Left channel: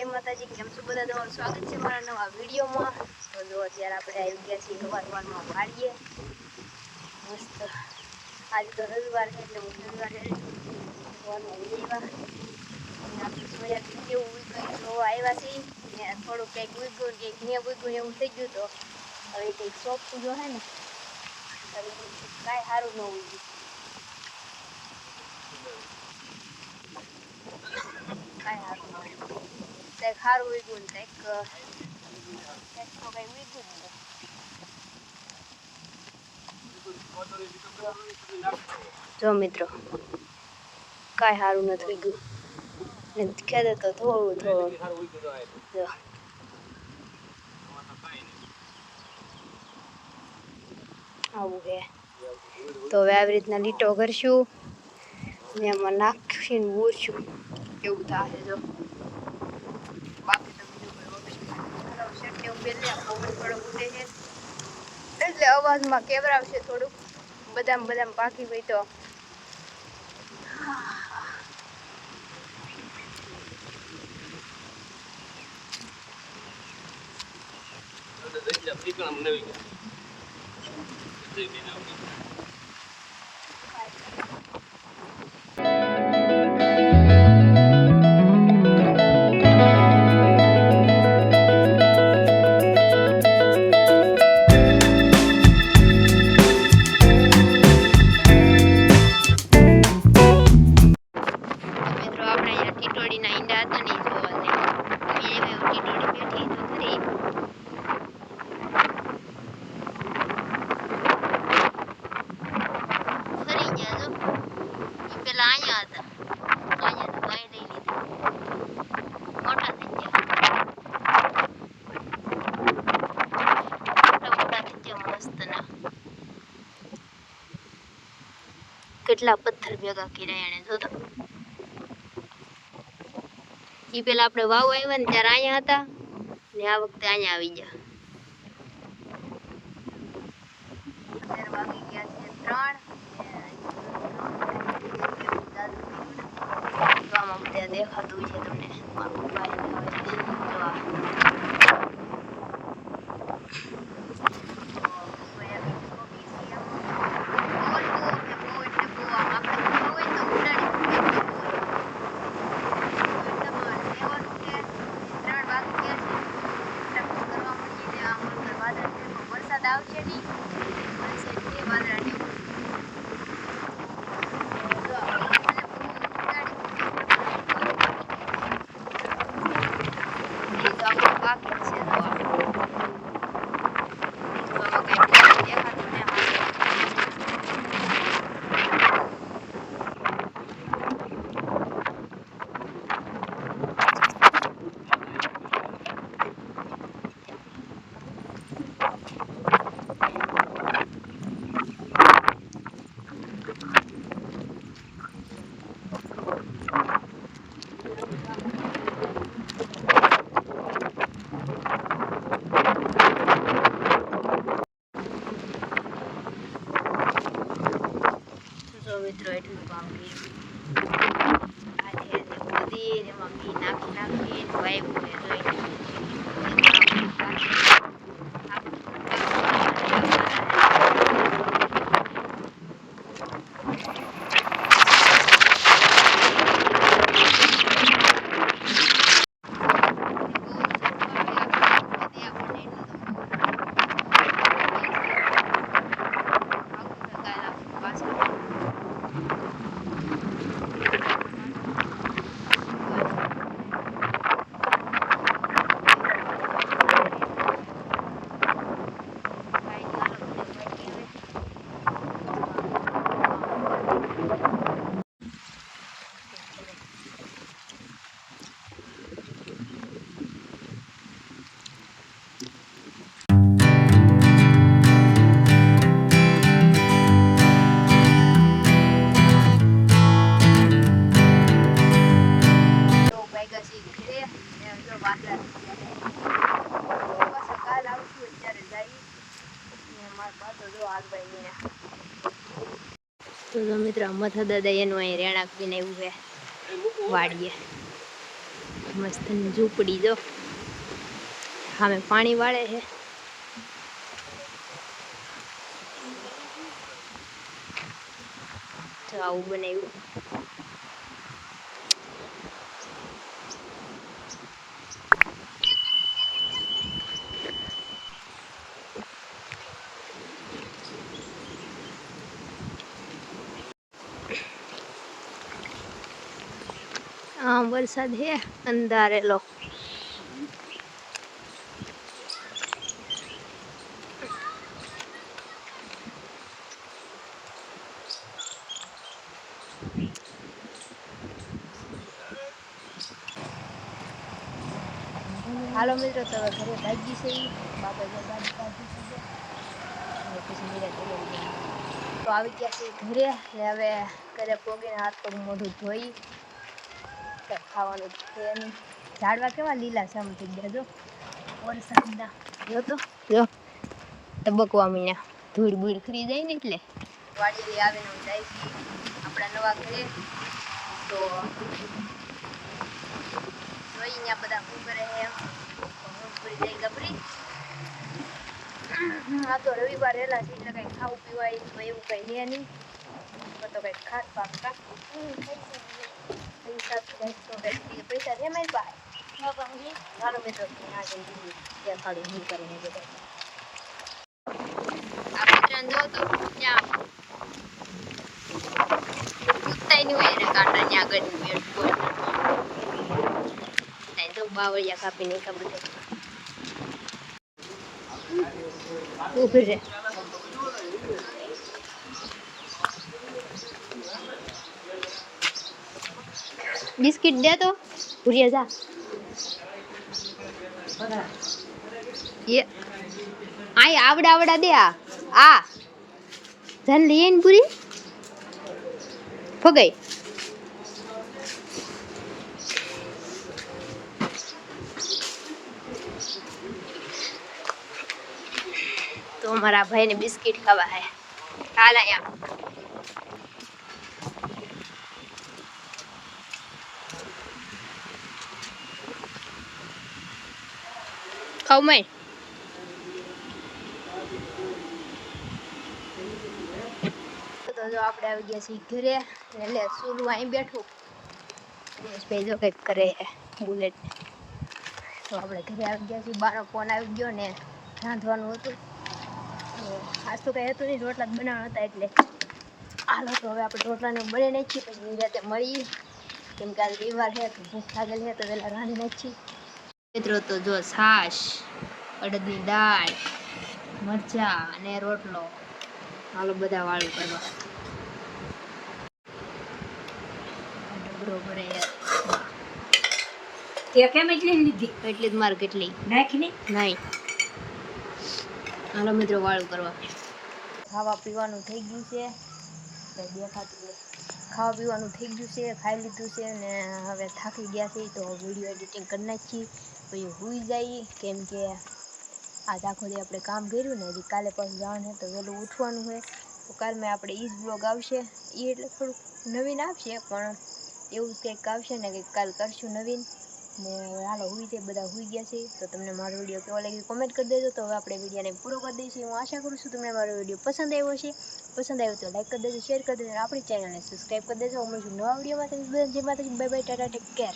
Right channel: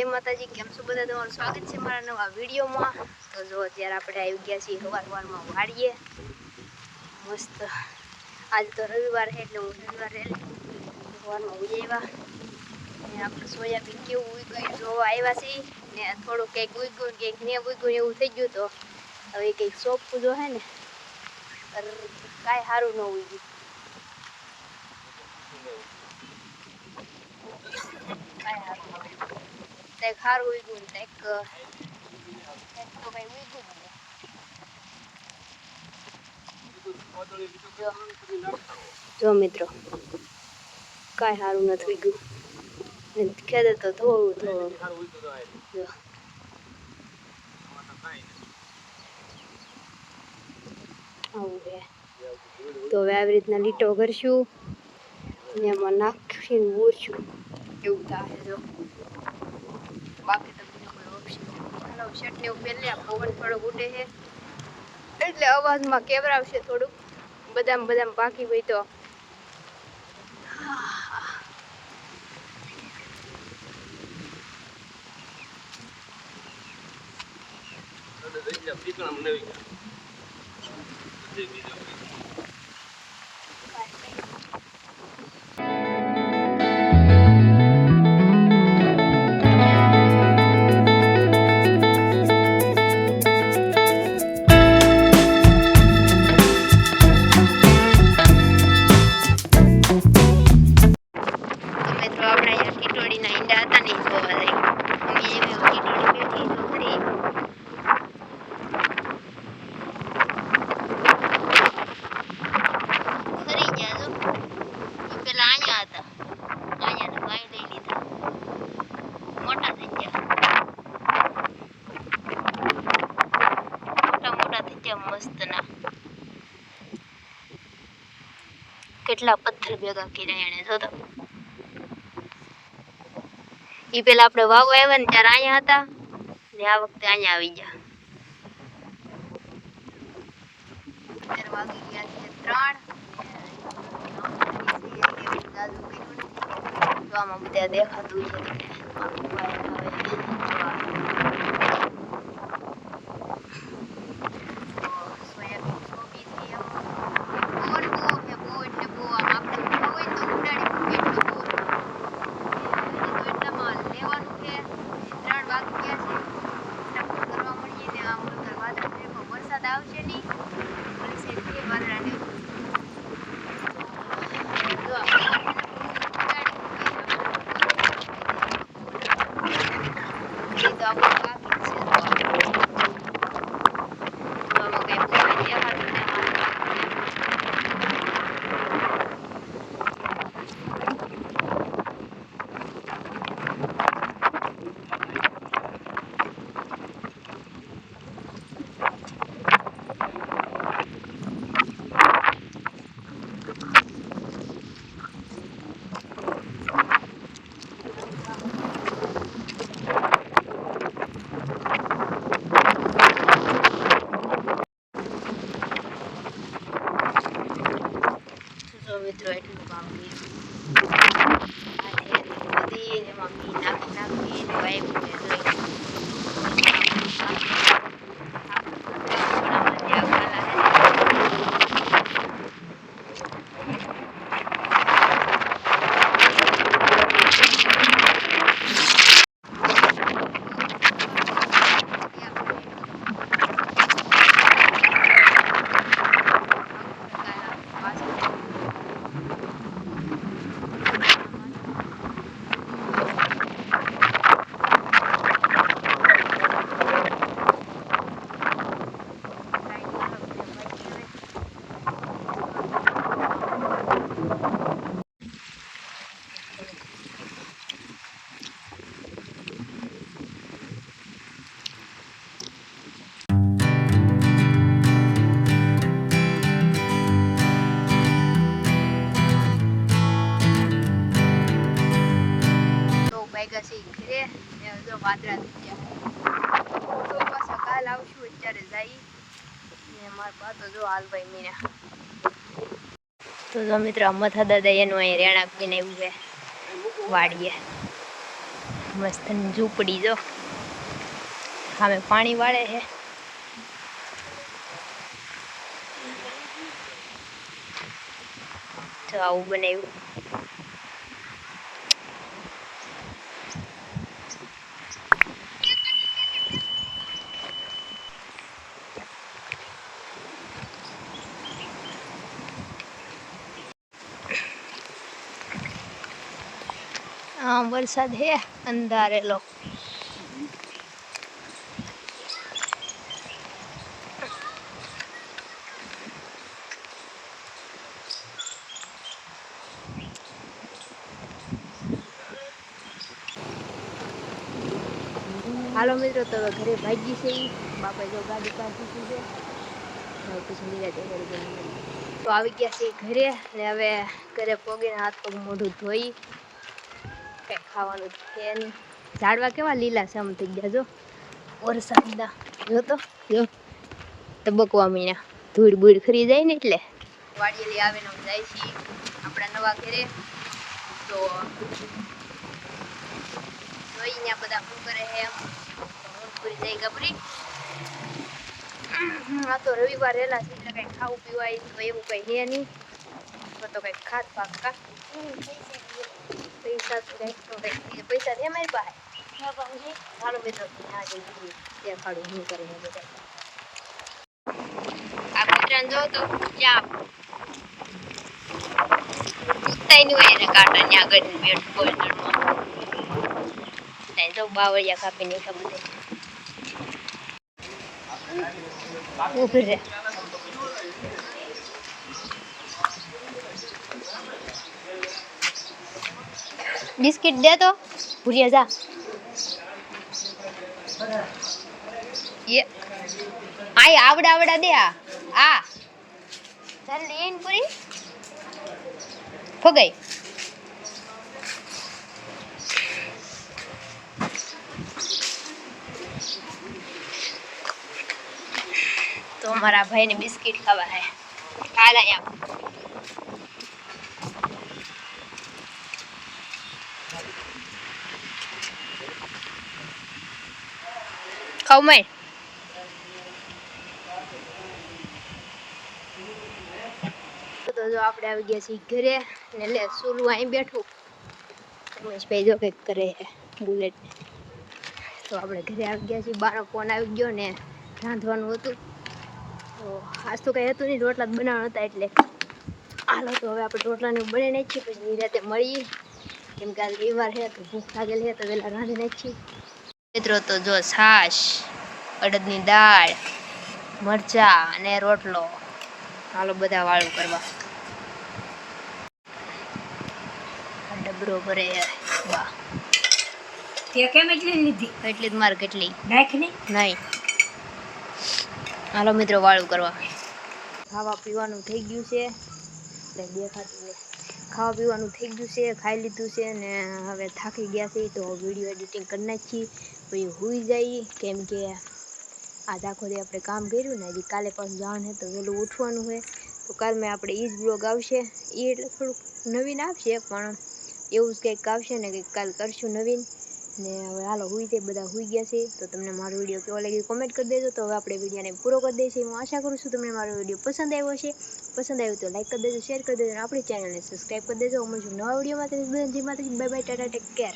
જય માતાજી, કેમ છો બધા? તમારું સ્વાગત છે મારા નવા વિડીયોમાં। તો જો અત્યારે આપણે આવી ગયા છીએ સવારમાં વાડીએ મસ્ત। આજ તો રવિવાર છે એટલે હું રવિવારે સવારમાં ઉઈ આવ્યા અને આપણે સોયાબીન કેવું ઉગ્યું જોવા આવ્યા છીએ ને થોડું કંઈક ઉગ્યું કંઈક ને ઉગ્યું એવું થઈ ગયું। તો હવે કંઈક સોંપવું જો હે ને કાંઈ સારું ન ઉગ્યું, કાંઈ સારું ન ઉગ્યું। કંઈક સારું ઉગ્યું ને કંઈક તો કંઈ ઉગ્યું ને જો મિત્રો કાંઈ સારું નથી ઉગ્યું ને ખેતર તો થોડું થોડું જો આવું છે। તો હવે આવી રીતના લીટો કરશું ને એમાં નાખીને બોરશું એવું થાય જો, બાકી તો બીજો કોઈ ઓપ્શન નથી। ચટણી પહેલે પવન થોડો ઉડે છે એટલે અવાજમાં કેવરાવશે થોડુંક, બદામ બદામ પાકી હોય તો આપણે અહીંયા ટીટોડીના ઈંડા હતા ને જોવા જઈએ એવી ટીટોડી બેઠી તો ખરી ખરી ગયા જો, એ પેલા અહીંયા હતા, અહીંયા તો ગાય લઈ લીધા, મોટા થઈ ગયા, મોટા થઈ ગયા મસ્ત ના। કેટલા પથ્થર ભેગા કર્યા એને જોતો। ઈ પેલા આપણે વાવ આવ્યા ને ત્યારે અહીંયા હતા ને આ વખતે અહીંયા આવી ગયા। અત્યારે વાગી ગયા છે 3 આમાં બધા દેખાતું છે તમને, મારું પપ્પા સોયાબીન કોબી છે આમાં બોલ ને બો આપણે ખબર હોય તો ઉડાડી એટલું બોલ લેવાનું છે। 3 વાગી ગયા છે, ફટાફટ કરવા મળીએ ને આ મુલકર વાદળા છે પણ વરસાદ આવશે નહીં, વરસાદ છે વાદળા ને જો આપણે પાકી છે તો આમાં કઈ દેખાતું ને મિત્રો એટલું કામ કર્યું એમાં બી નાખીને વાવ્યું ને વાદળા થઈ ગયા પાછા કાલ આવશું અત્યારે જઈ ને મારા બા તો જો હાલ ભાઈ ને તો જો મિત્રો મથા દાદા એનું અહીં રહેણાંક બનાવ્યું છે વાડીએ। મસ્ત ઝૂંપડી જો સામે પાણી વાળે છે. તો આવું બનાવ્યું. વરસાદ હે અંધારેલો. હાલો મિત્રો, તો હવે ઘરે ભાગી છે. બાપાએ જો ગાડી કાઢી છે. હવે પછી નિરાતે ઘરે જઈને મળી. તો આવી ગયા છે ઘરે ને હવે ઘરે પોગીને હાથ પગ મોઢું ધોઈ કંઈ ખાવાનું છે નહીં. ઝાડવા કેવા લીલા સમ થઈ ગયા જો વરસાદના. જો તો જો તબકવા મીના ધૂળ બૂળ ખરી જાય ને એટલે વાડીએલી આવીને જાય છે આપણા નવા ઘરે. તો જોઈ ત્યાં બધા શું કરે છે એમ પૂરી જાય ગબરી. આ તો રવિવાર રહેલા છે એટલે કંઈ ખાવું પીવાય તો એવું કંઈ હે નહીં. તો કંઈક ખાત પાકા પૈસા તો કંઈક પૈસા છે મારી પાસે. ચાલો મિત્રો ત્યાં જઈને દેખાડું શું કરે છે બધા. આ કૂતરાને જો તો ક્યાં કૂદતાય નહીં હોય એને કાંટા ત્યાં આગળ બેઠું બોયલરમાં. તો બાવળિયા કાપીને એટલા બધા ઊભી રહે. બિસ્કિટ દે તો ભૂરિયા જા. આ આવડા દે. આ ધન લઈએ ને પૂરી ફગાઈ. તો મારા ભાઈને બિસ્કિટ ખાવા હે. હાલ અહીંયા ખાવ મેં. તો જો આપણે આવી ગયા છીએ ઘરે ને લે સુલું અહીં બેઠું. ઉમેશભાઈ જો કંઈક કરે છે બુલેટ. તો આપણે ઘરે આવી ગયા છીએ. બાનો ફોન આવી ગયો ને રાંધવાનું હતું. તો આજ તો કંઈ હતું નહીં, રોટલા જ બનાવવાના હતા. એટલે હાલો તો હવે આપણે રોટલાને બની નાખીએ પછી નિરાતે મળીએ. કેમ કે આજે રવિવાર છે તો ભૂખ લાગેલી છે તો વહેલા રાંધી નાખીએ. મિત્રો તો જો છાશ, અડદની દાળ, મરચાં અને રોટલો. હાલો બધા વાળું કરવા. ડબરો ભરે વાહ. તે કેમ એટલી લીધી? એટલી જ માર કેટલી નાખની નહીં. હાલો મિત્રો વાળું કરવા. ખાવા પીવાનું થઈ ગયું છે. દેખાતું ને ખાવા પીવાનું થઈ ગયું છે. ખાઈ લીધું છે ને હવે થાકી ગયા છે તો વિડીયો એડિટિંગ કરી નાખી પછી સૂઈ જઈએ. કેમ કે આજ આખો દી આપણે કામ કર્યું ને હજી કાલે પાછું જવાનું છે તો વહેલું ઉઠવાનું હોય. તો કાલ મેં આપણે એ જ બ્લોગ આવશે. એ એટલે થોડુંક નવીન આવશે પણ એવું જ કંઈક આવશે ને કંઈક કાલ કરશું નવીન. ને હવે હાલો સૂઈ જાય. બધા સૂઈ ગયા છે. તો તમને મારો વિડીયો કેવો લાગ્યો કોમેન્ટ કરી દેજો. તો હવે આપણે વિડીયોને પૂરો કરી દઈશું. હું આશા કરું છું તમને મારો વિડીયો પસંદ આવ્યો હશે. પસંદ આવ્યો તો લાઈક કરી દેજો, શેર કરી દેજો અને આપણી ચેનલને સબસ્ક્રાઈબ કરી દેજો. મળીશું નવા વિડીયોમાં. Bye bye, Tata, take care.